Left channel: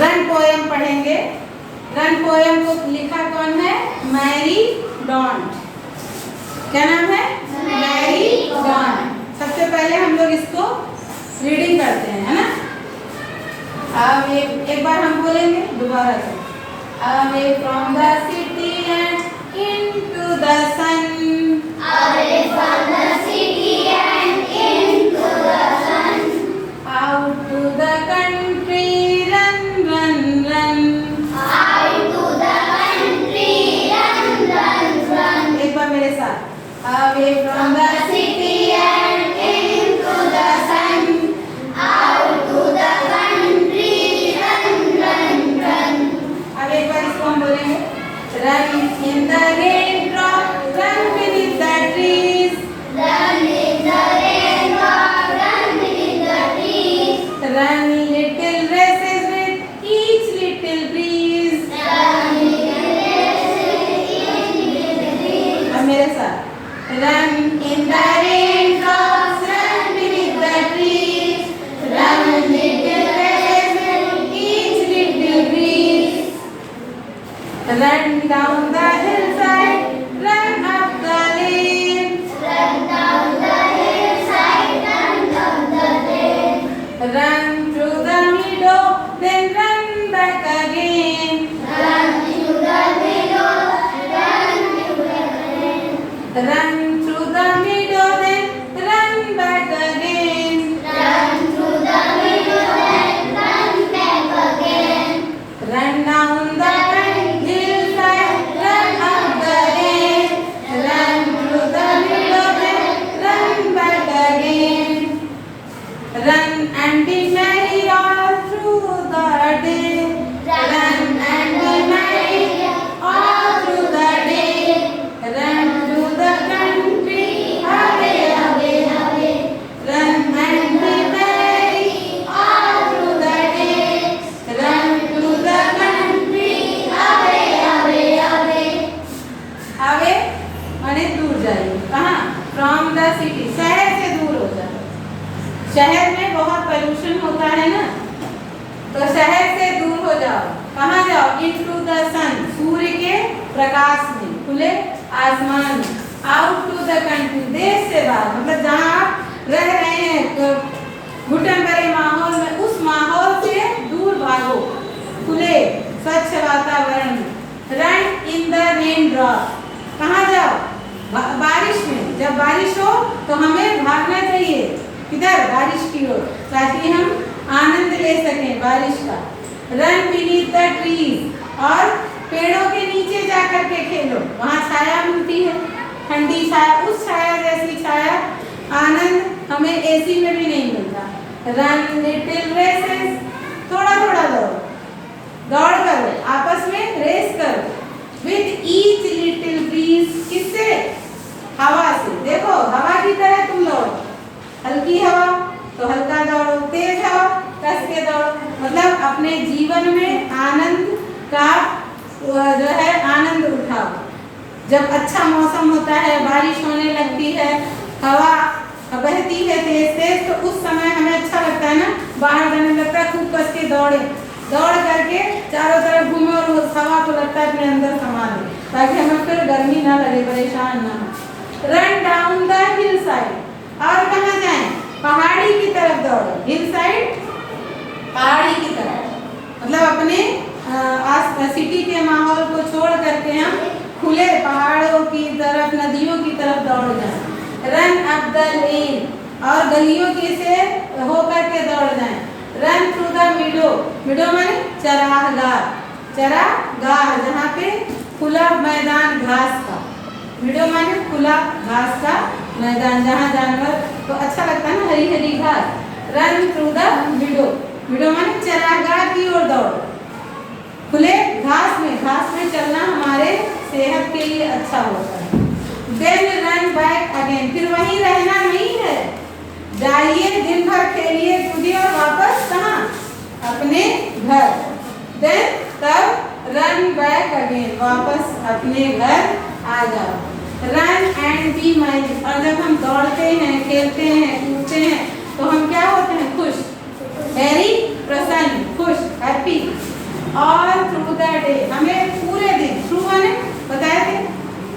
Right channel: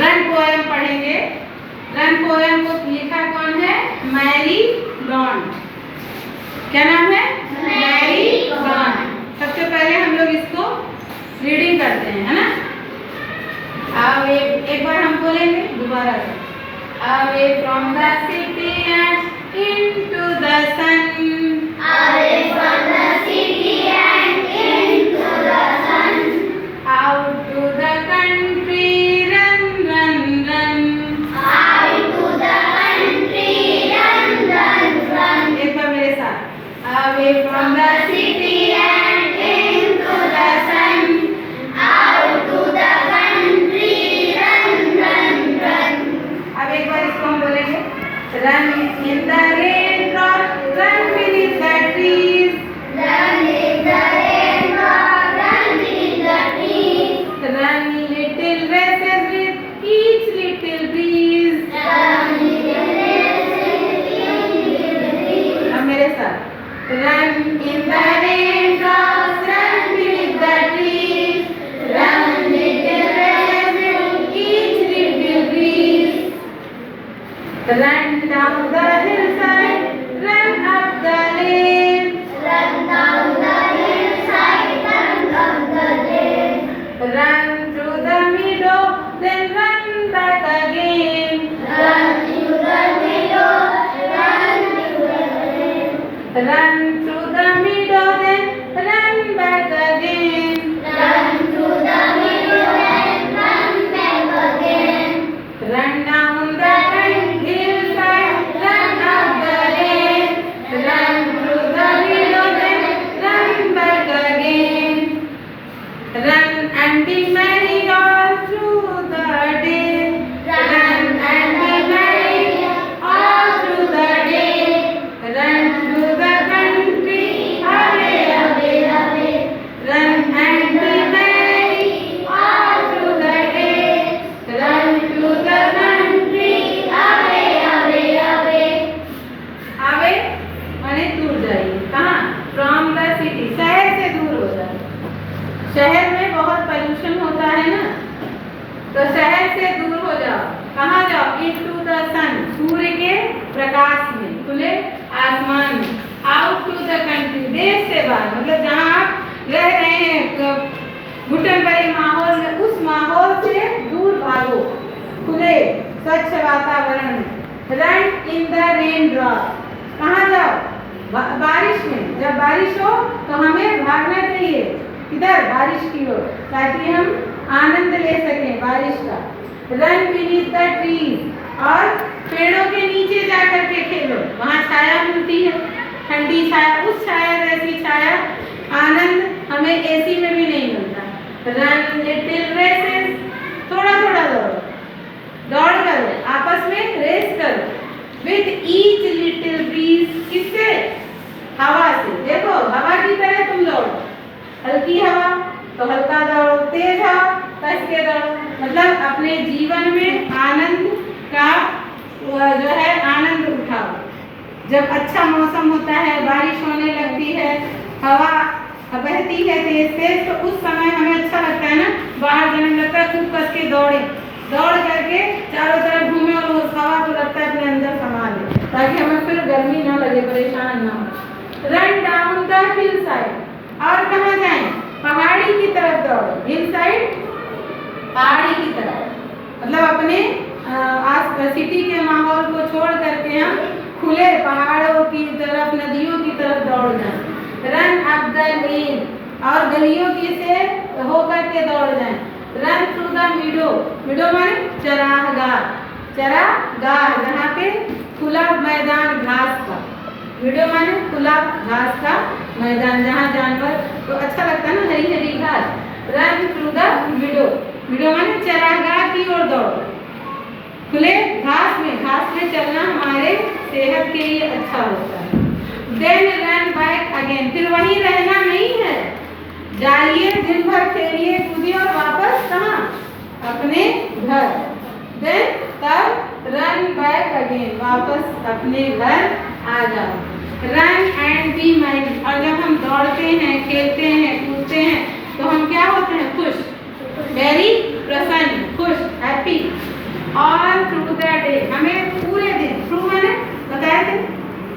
Run poem पढ़ेंगे। Run poem को लिखा कौन है? मैरी डॉन्ट। क्या नाम है? मैरी डॉन्ट। सबसे पहले हम लोग इसको रीडिंग करते हैं, है ना? अब एक बार हम बोलेंगे, दोबारा करें। Away from the city and into the sun. Away from the city and into the sun. Out to the country, run, run, run. Out to the country, run, run, run. एक बार मेरे साथ। Away from the city and into the sun. Out to the country, run, run, run. अब एक बार इसको हम बोलेंगे। Run in the raindrop, run beneath the trees. Run in the raindrop, run beneath the trees. Run little races with each little breeze. Run little races, each little breeze. अब मेरे साथ। Run in the raindrops, run beneath the trees. Run little races with each little breeze. Run down the hillside, run up the lane. Run down the hillside, run up the lane. Run through the meadow, then run back again. Run through the meadow, run through the lane. Run through the meadow, then run back again. Run through the meadow, then run back again. Run down the hillside, run up the lane. Run through the meadow, then run back again. Run and be merry all through the day. Run and be merry all through the day. Run through the country, away, away, away. Run and be merry all through the day. Run through the country, Away, away, away. away અને दूर जाइए। कहाँ? From the city, शहर से दूर हो जाए। शहर में बहुत पोल्यूशन होता है ना, तो शहर से दूर हो जाओ। कहाँ जाओ? Into the sun, सूर्य के प्रकाश में, खुले आसमान में। Out to the country, देश से बाहर, मतलब जहाँ आप रह रहे हैं घुटन भरे माहौल में, उस माहौल से दूर भागो, खुले स्वच्छ वातावरण में। Run in the raindrop, कहाँ जाओ? बारिश में। जब बारिश हो तो हमें भागना चाहिए, किधर? बारिश की ओर, ताकि हम आनंद ले सकें बारिश का। Run beneath the trees, और पेड़ों के नीचे जाकर के खेलो, वहाँ छाया मिलती है, ठंडी छाया, उस छाया जैसी छाया आनंद हमें एसी में भी नहीं मिलता। Run little races, थोड़ा थोड़ा दौड़ो, दौड़ करो, आपस में रेस करो। With each little breeze, किससे? हवा से। देखो हवा की तरह तुम दौड़ो, हल्की हवा तो हल्का दौड़ो, तेज हवा कस के दौड़ो, मतलब अपने जीवन में आनंद का जो है आनंद उठाओ। जब अच्छा मौसम होता है, बारिश होने लगती है, हवा बहती है तेज तेज, तो उस समय हमें अच्छा लगता है ना, बाहर जाने लगता है, खूब कस के दौड़े, दौड़ करके चारों तरफ घूमे और उस हवा को लगता है अपने अंदर समा ले, ताकि हमें फिर गर्मी ना लगे, परेशान ना हो। Run down the hill side, और कहाँ जाएं? पहाड़ी की तरफ दौड़ो। हिल साइड, पहाड़ी की तरफ, मतलब अपने सिटी के माहौल को छोड़ करके हम खुले पहाड़ों की तरफ, नदियों की तरफ दौड़ जाएं। रन अप द लेन, और गलियों की से होकर के दौड़ जाएं। रन थ्रू द मीडो, मीडो माने चरागाह, चरागाह जहाँ पे खुला मैदान घास का, मीडो माने खुला घास का मैदान, जहाँ जानवर तो अच्छा लगता है ना, हरी हरी घास। रन थ्रू द मीडो, मीडो माने चरागाह की ओर दौड़ो, खुले घास में चलना हमारे सेहत के लिए अच्छा होता है। देन रन बैक अगेन, फिर वहीं रहना नहीं है, जाइए दिन भर खेलिए कूदिए और वापस कहाँ? अपने घर। देन तब रन बैक अगेन, वापस अपने घर आ जाओ। रन एंड बी मैरी, और जब हम दौड़ते हैं, खेलते हैं, कूदते हैं, तो हम क्या होते हैं? खुश, वेरी प्रसन्न, खुश, हैप्पी। डे, हमें पूरे दिन, थ्रू मैंने बताए थे,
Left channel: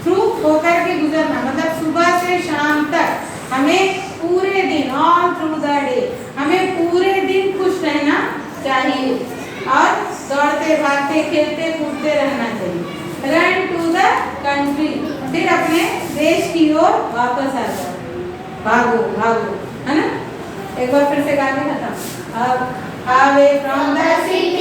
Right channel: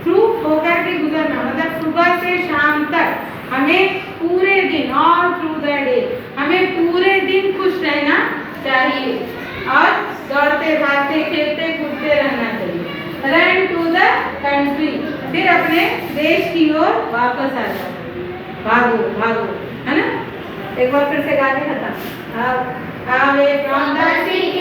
थ्रू होकर के गुजरना मतलब सुबह से शाम तक हमें पूरे दिन, ऑल थ्रू द डे हमें पूरे दिन खुश रहना चाहिए और दौड़ते भागते खेलते कूदते रहना चाहिए। रन टू द कंट्री, फिर अपने देश की ओर वापस आ जाओ, भागो भागो, है ना। एक बार फिर से गा के खत्म। Away from the From the city